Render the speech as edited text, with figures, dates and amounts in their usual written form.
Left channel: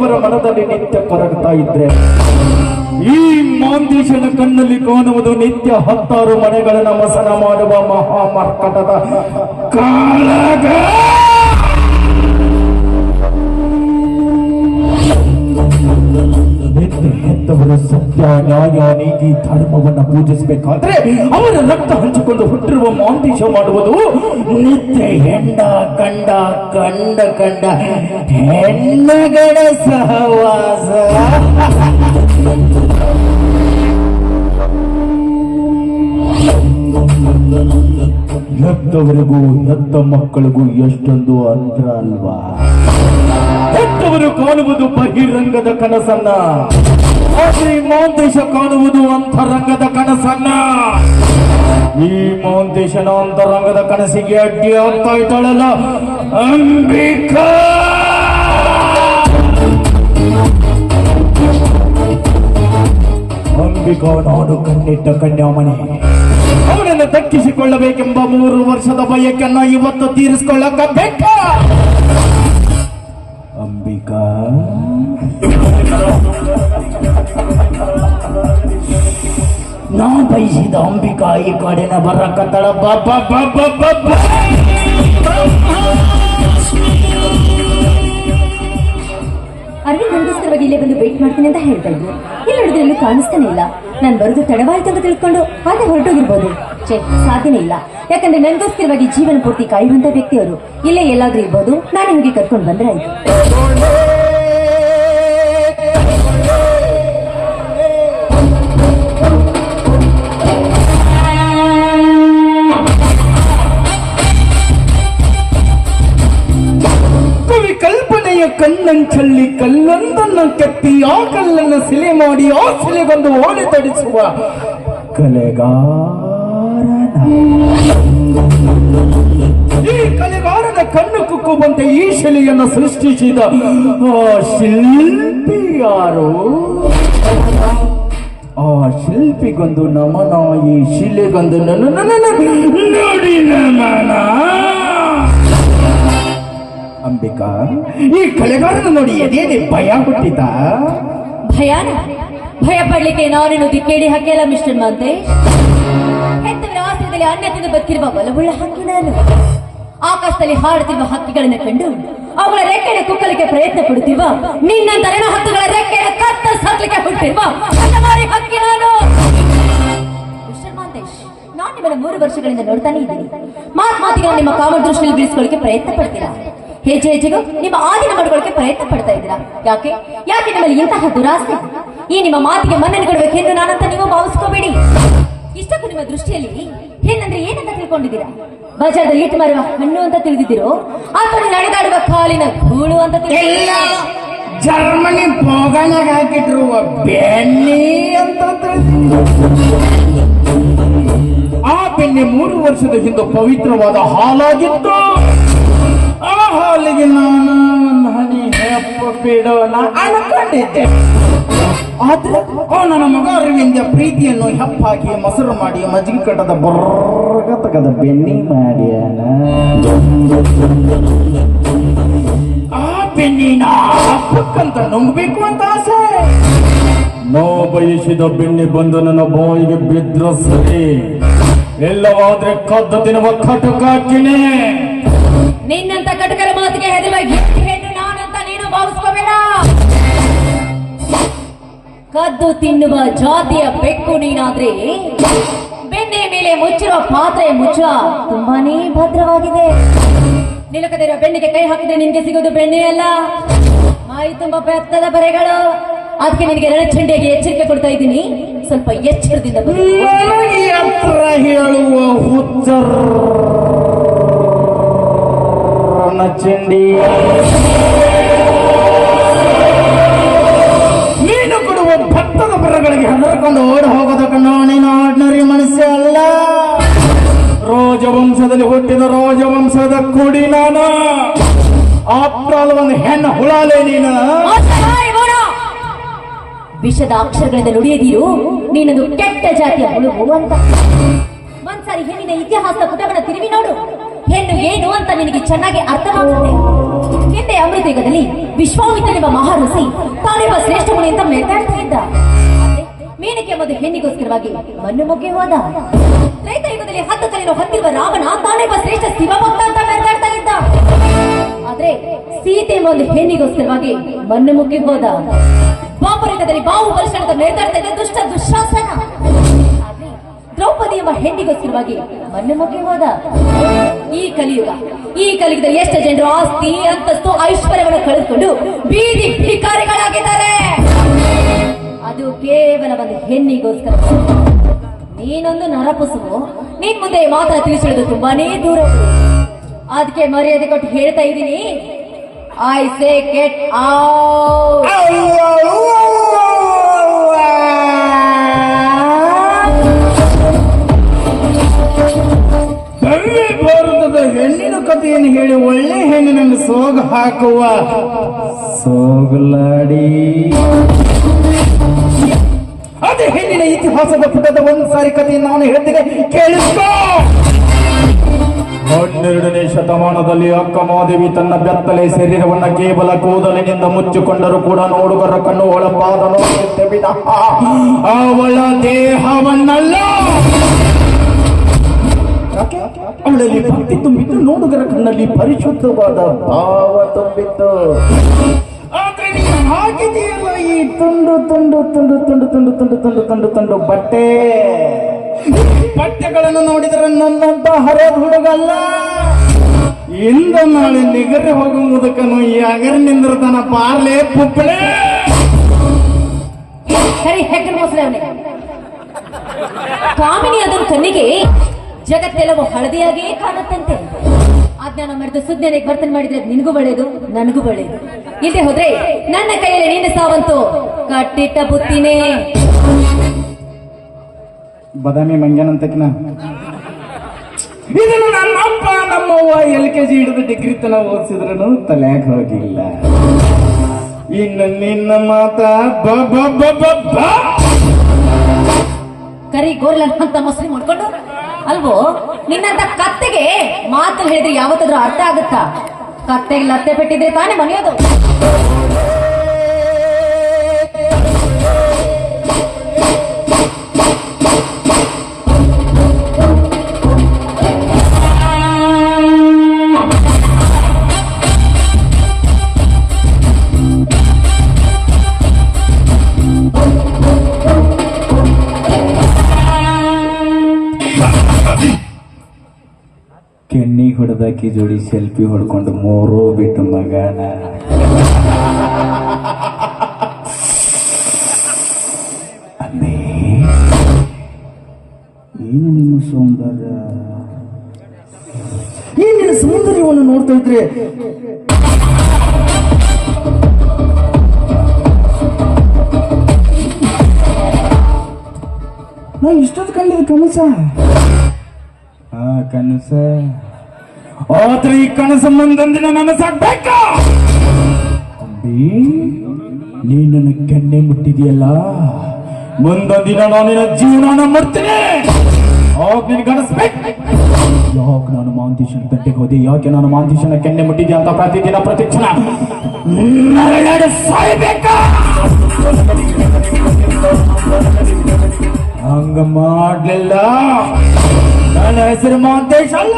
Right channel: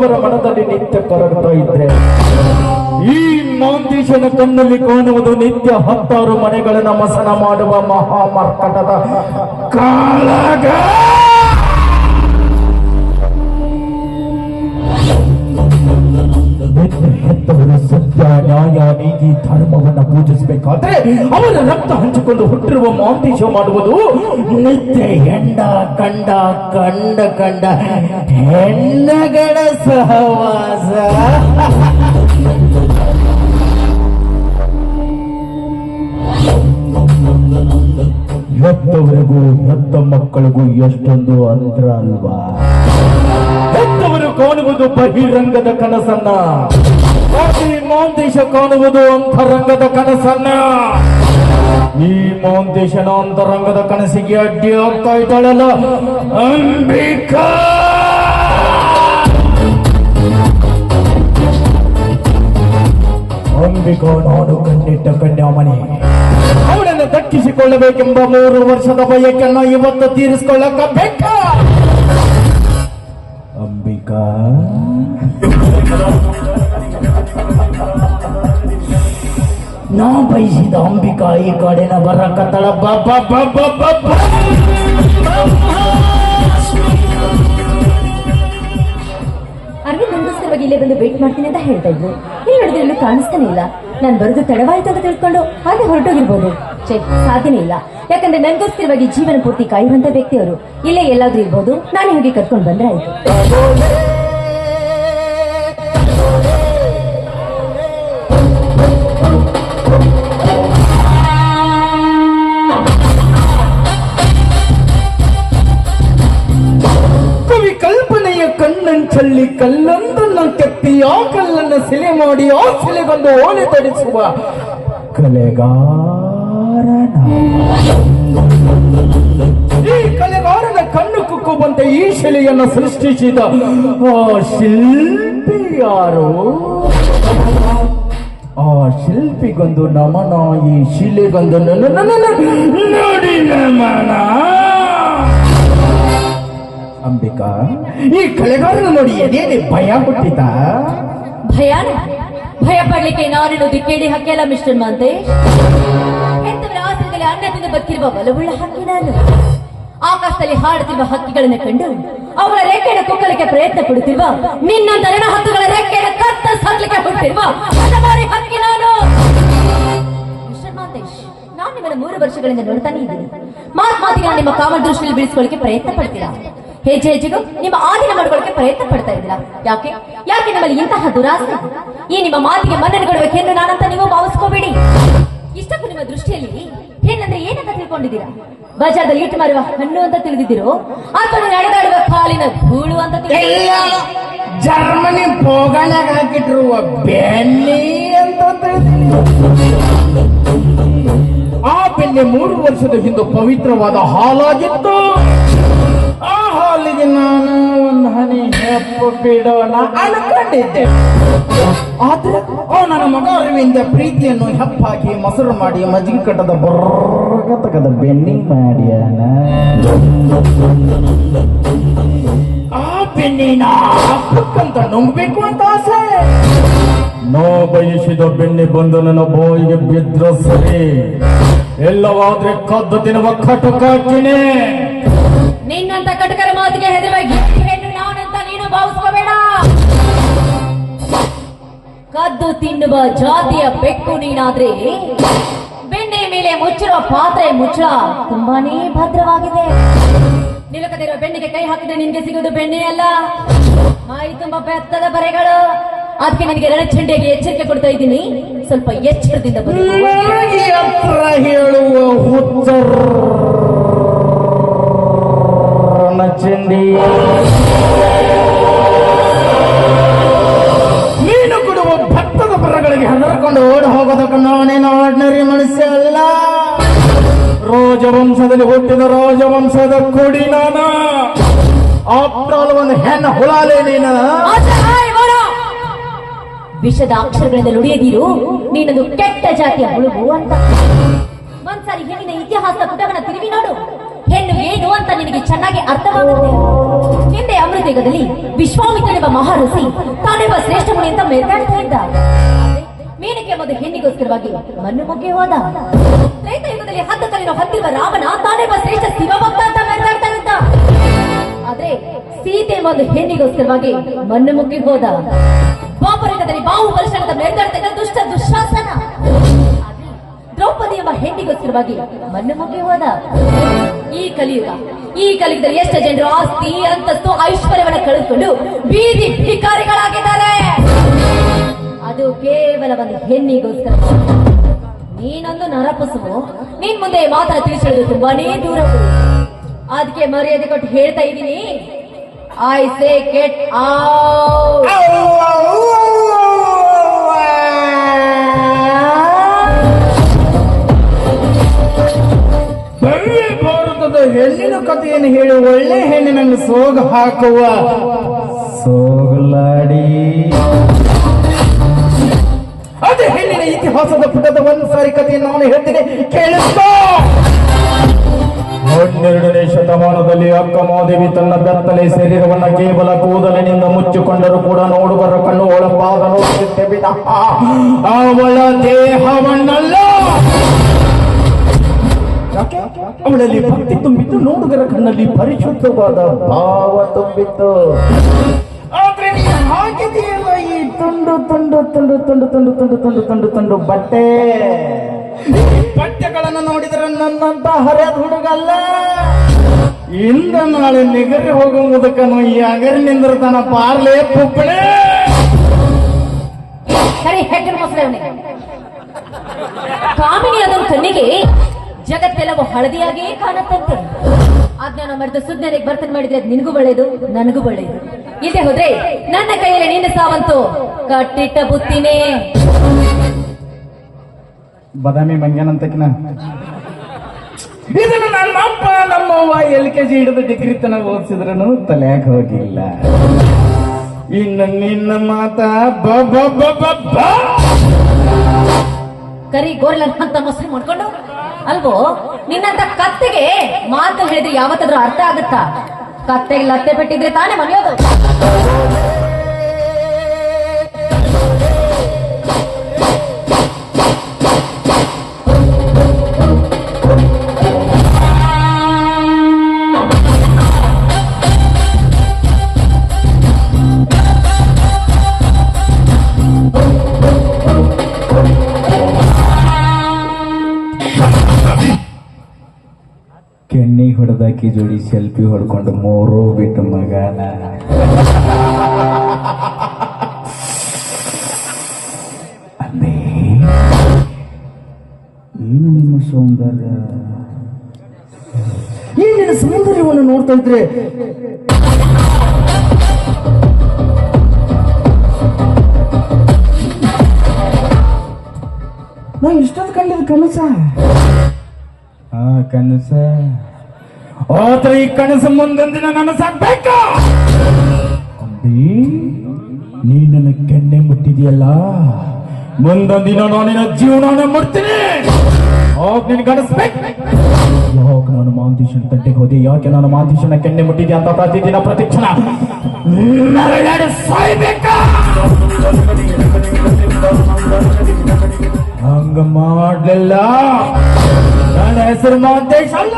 ಹೆತ್ತವರ ಮನದಲ್ಲಿ ನಿತ್ಯ ಕರಗ್ತಾ ಇದ್ರೆ ಈ ಮಾಂದೀಶನ ಕಣ್ಣಲ್ಲಿ ಕಾಣುವುದು ನಿತ್ಯ 10 ಮನೆಗಳನ್ನು ಮಸನ ಮಾಡುವ ಮಹಾಮರ್ಕಟದ ಕಾಳಗ. ಹೆತ್ತವರು ಸತ್ಯ ನ್ಯಾಯ ನೀತಿ ಧರ್ಮವನ್ನು ಪೂಜಿಸಬೇಕಾದ್ರೆ ಅವರ ರಕ್ತ ಹಂಚಿಕೊಂಡು ಹುಟ್ಟಿರುವ ಮಾಂದೀಶ ಮಾಡುವುದು ನಿತ್ಯ ಹೆಣ್ಣ ಕಂಡ ಕಂಡ ಕಂಡ ಹೆಣ್ಣಗಳ ಸಹವಾಸ. ಹೆತ್ತವರಿಗೂ ಹೆತ್ತ ಮಕ್ಕಳಿಗೂ ಎಷ್ಟೊಂದು ಅಂತರ ಅಲ್ವಾ. ಹೆತ್ತವರು ಕಾಣುವುದು ಬಹಿರಂಗದ ಕನಸನ್ನ, ಆದ್ರೆ ಮಾಂದೇಶ ಕಾಣುವುದು ಅಂತರಂಗದ ಕನಸನ್ನ. ಈ ಮಾಂದೇಶನ ಅಂತರಂಗದ ಕನಸಿಗೆ ಅಡ್ಡಿ ಆಗ್ತಾ ಇದ್ದಾಳಲ್ಲ ಅಂಬಿಕಾ. ಅಂಬಿಕಾ ನಾಡು ಕಣ್ಣಿಟ್ಟ ಕನ್ಯಾಮಣಿ. ಅವಳನ್ನು ದಕ್ಕಿಸಿಕೊಳ್ಳಬೇಕೆಂಬ 3 ವರ್ಷದ ಬಯಕನ್ನು ಇವತ್ತು ತೀರಿಸಿಕೊಳ್ಳಬೇಕ. ಅಂಬಿಕಾ ನಾ ಬಯಸಿದ ಅಂಬಿಕಾ ಈ ಕಾಡಿನ ಬರಕತ್ತಳ. ಅರ್ವಿ ಮಂಗೋಸ್ಕರವಾಗಿ ಇಲ್ಲೇ ಬಂದು ವೇಟ್ ಮಾಡ್ತೀನಿ ಅಂತ ಹೇಳ್ತಾ ಇದ್ರು. ಇಲ್ಲಿ ನೋಡಿದ್ರೆ ಎಲ್ಲೂ ಕಾಣಿಸ್ತಾನೆ ಇಲ್ಲ. ನಾನು ಬರೋದು ತಡವಾಯ್ತು ಅಂತ ತಿಳ್ಕೊಂಡು ಹಾಗೆ ಹೊರಟೋಗಿರ್ಬೋದು. ಸಾಧ್ಯನೇ ಇಲ್ಲ, ಯಾಕಂದ್ರೆ ನನಗೋಸ್ಕರವಾಗಿ ಜೀವನ ಪೂರ್ತಿ ಕಾಯುವಂತ ವ್ಯಕ್ತಿಯವರು ಇಲ್ಲೇ ಎಲ್ಲಾದ್ರೂ ಇರ್ಬೋದು. ನಾನು ಹೋಗಿ ಕರ್ಕೊಂಡು ಬಂದ್ರೆ ಆಯ್ತು. ಕಣ್ಣಂಚಲ್ಲಿ ಕಲ್ಲೊಂದನ್ನು ಕೆತ್ತಿ ಆ ಕಲ್ಲನ್ನು ಸಿಲೆ ಮಾಡಿ ಆ ಸಿಲೆ ಬಂದು ಓಲೆ ತಡಿಸುವ ಕಲೆಗಾರನ ಕಣ್ಣು ಕುಕ್ಕುವಂತೆ ಈ ಶಿಲೆಯನ್ನು ಸೃಷ್ಟಿಸಿದ ಆ ಶಿಲ್ಪಿ ಯಾರು? ಆ ಶಿಲ್ಪಿಗೊಂದು ನಮನ, ಈ ಶಿಲೆಗೊಂದು ನೋಡಿ ನಮನ. ಅಂಬಿಕಾ, ಈ ಕಲೆಗಾರನ ನೋಡಿ ಎದೇನೆ ಭಯ ಹುಟ್ಟಿತ? ಭಯ ಪಡ್ಲಿಕ್ಕೆ ನಾನೇನು ದಿಕ್ಕೇಡಿ ಹಕ್ಕಿಯಲ್ಲ ಮಿಸ್ಟರ್ ಮಾಂತೇಶ್. ಹೆತ್ತವರ ಆಶ್ರಯದಲ್ಲಿ ಅನ್ನ ತಿಂದು ಬದುಕಿರುವ ಒಲವುಳ್ಳ ಹಕ್ಕಿ ನಾನು. ಆಕಾಶದಲ್ಲಿ ಹಾಡುತ್ತಿರುವ ಹಕ್ಕಿಗಳನ್ನು ಕಂಡು ಅವರ ರೆಕ್ಕೆಯನ್ನು ಕುಕ್ಕಲಿಕ್ಕೆ ಪ್ರಯತ್ನ ಪಡುತ್ತಿರುವ ನಿನ್ನ ದರಣ ಹಕ್ಕುಗಳ ರೆಕ್ಕೆಯನ್ನು ಕತ್ತರಿಸಲಿಕ್ಕೆ ಹುಟ್ಟಿರುವ ಹಕ್ಕಿ ನಾನು. ಮಿಸ್ಟರ್ ಮಾಂತೇಶ್, ನಾನು ನಿಮ್ಮನ್ನ 3 ವರ್ಷಗಳಿಂದ ನೋಡ್ತಾನೆ ಇದ್ದೀನಿ. ಮಾತಿಗೆ ನಿಮ್ಮ ಕಾಮ ದೃಷ್ಟಿಯಲ್ಲಿ ಬೀಳಿಸಿಕೊಳ್ಳಕ್ಕೆ ಪ್ರಯತ್ನ ಪಡ್ತೀರಾ. ಹೆಜ್ಜೆ ಹೆಜ್ಜೆಗೂ ನಿಮ್ಮ ಆಧೀನ ಮಾಡ್ಕೊಳ್ಳಕ್ಕೆ ಪ್ರಯತ್ನ ಪಡ್ತಾ ಇದ್ದೀರಾ. ಯಾಕೆ ನಮ್ಮಲ್ಲಿ ಇಂತಹ ದುರಾಸೆ? ಈ ನಿಮ್ಮ ಮಾತಿಗೆ ಮನ್ನಣೆ ಕೊಡಬೇಕು ಹೆಣ್ಣು ನಾನಂತ ನೀವು ಭಾವಿಸ್ಕೋಬೇಡಿ. ಇಷ್ಟಕ್ಕೂ ನಿಮ್ಮ ದೃಷ್ಟಿಯಲ್ಲಿ ಹೆಣ್ಣಂದ್ರೆ ಏನಂತ ತಿಳ್ಕೊಂಡಿದ್ದೀರಾ? ಬಜಾರ್ದಲ್ಲಿ ಇಟ್ಟು ಮಾರುವ ಹಣ್ಣು ಅಂತ ತಿಳಿದಿದ್ದೀರೋ ಅಥವಾ ನಡೆದಾಡುವ ಕಾಲಿನ ಧೂಳು ಅಂತ ತಿಳಿದಿದ್ದೀರಾ? ಜರ್ಮನಿ ಪೋಗನಾಗ ಹಾಕಿಟ್ಟಿರುವ ಬೆಣ್ಣೆ ಅಂತ. ಆ ಬೆಣ್ಣೆ 3 ವರ್ಷದ ಹಿಂದೆ ಪವಿತ್ರವಾದ ಹಾಲಾಗಿತ್ತು. ಆ ಹಾಲಿಗೆ ನಾನು ಒಂದು ಹನಿ ಹೆಪ್ಪು ಬಿಡೋಣ ಅನ್ಕೊಂಡಿದ್ದೆ. ಆದ್ರೆ ನನ್ನ ಮಗ ಅರವಿಂದ ಪ್ರೀತಿಯನ್ನು ಹೆಪ್ಪಾಕಿ ಮೊಸರು ಮಾಡಿ ಮಜ್ಜಿಗೆ ಕಟ್ಟದ ಬರ್ಗತಕದ ಬೆಣ್ಣೆ ಮಾಡ್ಯಾನ. ಆ ಬೆಣ್ಣಿನ ಹಬ್ಬಕ್ಕಂತ ನುಂಗ್ಬೇಕು ಅಂತ ಆಸೆ. ನೋ ಬಯಸಿದ ಬೆಣ್ಣೆ ಬಂದು ನನ್ನ ಬಾಯಿಗೆ ಬಿದ್ರ ಸರಿ, ಎಲ್ಲವಾದ್ರೆ ಕದ್ದು ತಿನ್ನುವ ಕಟಕಾಕಿನೇ. ನಿನ್ನಂತ ಕಟಕರ ಮಾತಿಗೆ ಹೆದರಾಗಿ ಹೆಣ್ಣು ನಾನಿಂತ ನೀನು ಭಾವಿಸ್ಕೋಬೇಡ. ಕದ್ದು ತಿನ್ನುವ ಜಾತಿಯ ಬೆಕ್ಕು ನೀನಾದ್ರೆ ಬೆಣ್ಣೆ ಮೇಲೆ ಮುಚ್ಚಿರುವ ಪಾತ್ರೆ ಮುಚ್ಚ ತುಂಬಾನೇ ಭದ್ರವಾಗಿದೆ. ನಿಲುಕದಿರುವ ಬೆಣ್ಣಿಗೆ ಕೈ ಹಾಕಿದ್ರೆ ನಿನ್ಗೆ ಸಿಗೋದು ಬೆಣ್ಣೆ ಅಲ್ಲ, ಮೈ ತುಂಬಾ ಬೆತ್ತದ ಬರೆಗಳು. ಅದಕ್ಕೆ ನಿನಗೆ ರಣಚಂಡಿಯಾಗಿ ಎಚ್ಚರಿಕೆ ಕೊಡ್ತಾ ಇದ್ದೀನಿ, ಸ್ವಲ್ಪ ಎಚ್ಚರದಿಂದ ನೀನು ಕೊಡುವ ಭತ್ತದ ಬರಗಳಿಗೆ ಹೆದರ್ಕೊಂಡು ಓಡಿ ಹೋಗೋದ ನಾನೇನು ಆರ್ಡಿನರಿ ಮನುಷ್ಯ ಅಲ್ಲ. ರಾಜವಂಶದಲ್ಲಿ ಹುಟ್ಟಿದ ರಾಜವಂಶದ ಕುಡಿ ನಾನು. ಆಫ್ಟರ್ ಒಂದು ಹೆಣ್ಣು ಹುಳಾಲೆ ನೀನು. ವಿಷದ ಅಕ್ಷರಗಳಿಂದ ನುಡಿಯದಿರು, ನೀನೊಂದು ಕೆಟ್ಟ ಜಾತಿಯ ಹುಳುವು ಅಂತ. ಒಂದ್ಸಾರಿ ಹೆಣ್ಣಿನ ಇತಿಹಾಸದ ಪುಟವನ್ನು ತಿರುವಿ ನೋಡು, ಹೆಣ್ಣು ಏನು ಅಂತ ನಿನಗೆ ಚೆನ್ನಾಗಿ ಅರ್ಥವಾಗುತ್ತದೆ. ಹಿಂದೆ ಅಮೃತಯುಗದಲ್ಲಿ ವಿಶ್ವಾಮಿತ್ರನೆಂಬ ಮಹಾಋಷಿ ತಾನೆಂಬ ಶ್ರೇಷ್ಠ ಮುನಿ ಅಂತ ಮೆರೆದಾಡ್ತಾ ಇದ್ದ. ಮೇನಕೆ ಎಂಬುದು ಹೆಣ್ಣಿಗೋಸ್ಕರವಾಗಿ ಮಣ್ಣು ಮುಗಿ ಹೋದ. ತ್ರೇತಾಯುಗದಲ್ಲಿ 10 ಕಲಿನ ಹೊತ್ತಿರುವ ರಾಮನ ತಾನೆಂಬ ಶ್ರೇಷ್ಠ ಶಿವಭಕ್ತ ಅಂತ ಮೆರೆದಾಡ್ತಾ ಇದ್ದ. ಆದ್ರೆ ಸೀತೆ ಎಂಬ ಹೆಣ್ಣಿಗೋಸ್ಕರವಾಗಿ ಮಣ್ಣು ಮುಗಿ ಹೋದ. ದ್ವಾಪರಯುಗದಲ್ಲಿ ಬಾಹು ವರ್ಷದ ಮೆರೆದಾಡ್ತಾ ಇದ್ದ ದುಷ್ಟ ದುಶ್ಯಾಸನ. ಆದ್ರೆ ದ್ರೌಪದಿ ಎಂಬ ಹೆಣ್ಣಿಗೋಸ್ಕರವಾಗಿ ಮಣ್ಣು ಮುಗಿ ಹೋದ. ಈ ಕಲಿಯುಗದಲ್ಲಿ ಎಷ್ಟು ಜನರು ಆಸ್ತಿ ಅಂತಸ್ತು ಐಶ್ವರ್ಯವನ್ನು ಕಳೆದುಕೊಂಡು ಬೀದಿ ಭಿಕಾರಿಗಳಾಗಿದ್ದಾರೆ. ಅದು ಕೇವಲ ಒಂದು ಹೆಣ್ಣಿಗೋಸ್ಕರ. ನೀನೊಂದು ನರಪುಸುವು, ನಿನ್ ಮುಂದೆ ಮಾತ್ರ ತಿಳಿಸಿರೋದು ತುಂಬಾನೇ ದೂರ. ಅದಕ್ಕೆ ಮರ್ಯಾದೆ ಕೊಟ್ಟು ಹೇಳ್ತಾ ಇದ್ದೀನಿ, ಐ ಸೇ ಗೆಟ್ ಔಟ್. ಒಳ್ಳೆ ಭಾರತದ ಹೆಣ್ಣಿನ ಕಥೆಯನ್ನು ಹೇಳಿ ಒಳ್ಳೆ ಹೆಣ್ಣಿನನ್ನು ಸೋಗ ಹಾಕುವ ಸೋಗಲಾಡಿ ಅದೇ ಹೆಣ್ಣಿನ ಇತಿಹಾಸದ ಪುಟದ ಒಂದು ಸಾರಿ ಕಥೆಯನ್ನು ನಾನು ಹೇಳ್ತೇನೆ, ಕೇಳಿಸ್ಕೋ. 12ನೇ ಶತಮಾನದಲ್ಲಿ ಅಕ್ಕ ಮಾದೇವಿ ತನ್ನ ಬೆತ್ತಲೆ ಶರೀರವನ್ನ ಕೇವಲ ಕೂದಲಿನಿಂದ ಮುಚ್ಚಿಕೊಂಡರೂ ಕೂಡ ನೋಡುಗರ ಕಣ್ಣು ಒಳಪಾದ ನೋಡುತ್ತೆ ವಿನಃ ಅವಳ ದೇಹವನ್ನಲ್ಲ. ಅವಳಲ್ಲಿ ಭಕ್ತಿ ತುಂಬಿತ್ತು, ನೋಡುಗರ ಕಣ್ಣಲ್ಲಿ ಪರಿಶುದ್ಧವಾದ ಭಾವ ತುಂಬಿತ್ತು. ಆದ್ರೆ ನೀನು ಹಾಕಿದೆಯಲ್ಲ ಈ ತುಂಡು ತುಂಡು ತುಂಡು ತುಂಡು ತುಂಡು ತುಂಡು ತುಂಡು ತುಂಡು ತುಂಡು ಬಟ್ಟೆಗಳನ್ನು ನೋಡಿದರೆ ನನ್ನಂತ ಹರಿದ ಹುಡುಗಲ್ಲ. ಇಂದು ನಾಳೆ ನಿಗರಿ ಹೋಗುವ ಮುದಕನು ಈ ಅಗರ್ನಿಂದ್ರತನ ಪಾರ್ಲೆ ಪುಪ್ಪಳೆ. ಕಾಮಿನಿ ಅದರ ಕಣ್ಣಿಗೆ ಜಗತ್ತೆಲ್ಲವೂ ಹಳದಿಯಾಗಿಯೇ ಕಾಣುತ್ತಂತೆ. ಅಜ್ಞಾನ ಮರೆತು ಸುಜ್ಞಾನಿಗೆ ವರ್ತನೆ ಮಾಡಿದ್ರೆ ನಿನಗೂ ಒಳ್ಳೆಯದು, ನನಗೂ ಒಳ್ಳೆಯದು. ಇಲ್ಲಿ ಹೋದ್ರೆ ನನ್ನ ಕೈಯಲ್ಲಿ ನಿನ್ನ ಸಾವಂತು ಕಟ್ಟಿಟ್ಟ ಬುತ್ತಿನೇ. ಬದಾಮಿ ಮಂಗ್ಯನಂತಕಿನ ಇದನ್ನ ನಮ್ಮಪ್ಪ ನಮ್ಮವ್ವ LKG ಹಿಡಿದು ಡಿಗ್ರಿ ತನ ಓದಿಸಿದ್ರೂ ತಲೆಯಾಗ ಹೋಗಿಲ್ಲ. ಇನ್ನು ನಿನ್ನ ಮಾತ ಕರಿ ಗೋರ್ಲ ಅಂತ ಮೊಸರು ಮಾಡ್ಕೊಂಡು ಅಲ್ವೋ. ನಿನ್ನಂತ ಕತ್ತೆಗೆ ಮಾತು ಹೇಳಿದ್ರೆ ಯಾವತ್ತಾದ್ರೂ ಅರ್ಥ ಆಗುತ್ತಾ? ಕತ್ತೆಗೆ ಲತ್ತೆ ಬಿಟ್ಟಿದ್ರೆ ತಾನೇ ಮನೆಯೋದು. ಕೆಣ್ಣಿ ಹೊಡೆದಾಕಿ ಜೋಡಿ ಸೆಲ್ಫಿ ಹೊಡ್ಕೊಂಡು ಮೂರು ಬಿಟ್ಟು ಮಗನ. ಅಲ್ಲೇ ಏನು ನಿಮ್ಮ ಸೌಂದರ್ಯ, ಏನಿನ ಸೌಂದರ್ಯವನ್ನು ನೋಡ್ತಾ ಇದ್ರೆ ನಾ ಇಷ್ಟೊಂದು ಕಂಡಿದ್ದ ಕನಸ. ಕನಸ ಆದ್ರೆ ಈ ಕನಸು ಮುಂದೊಂದಿನ ನನಸಾಗಬೇಕ. ನೀ ನನ್ನ ಕೆನ್ನೆ ಮುಟ್ಟಿದೆಯಲ್ಲ, ಮುಂದೊಂದಿನ ನಾನಿನ ಜೀವನ ಮಾಡ್ತೀನಿ. ಆಗ ನಿನ್ ಕನಸ್ಬೇಕು. ಯಾಕೆ ನಾನು ಮಾಂತೀಶನ ತಟ್ಟೆಗೆ ಹೋದೆ, ಯಾಕೆ ನಾನು ಮಾಂತೀಶನ ಕೆನ್ನೆ ಮುಟ್ಟಿದೆ ಅಂತ ಪ್ರತಿದಿನ ಪ್ರತಿಕ್ಷಣ ಸಾಯ್ಬೇಕ. ಹಂಗ ಮಾಡ್ಲಿಲ್ಲ, ನನ್ನ ಹೆಸರು ಮಾಂತೇಶ್ ಅಲ್ಲ.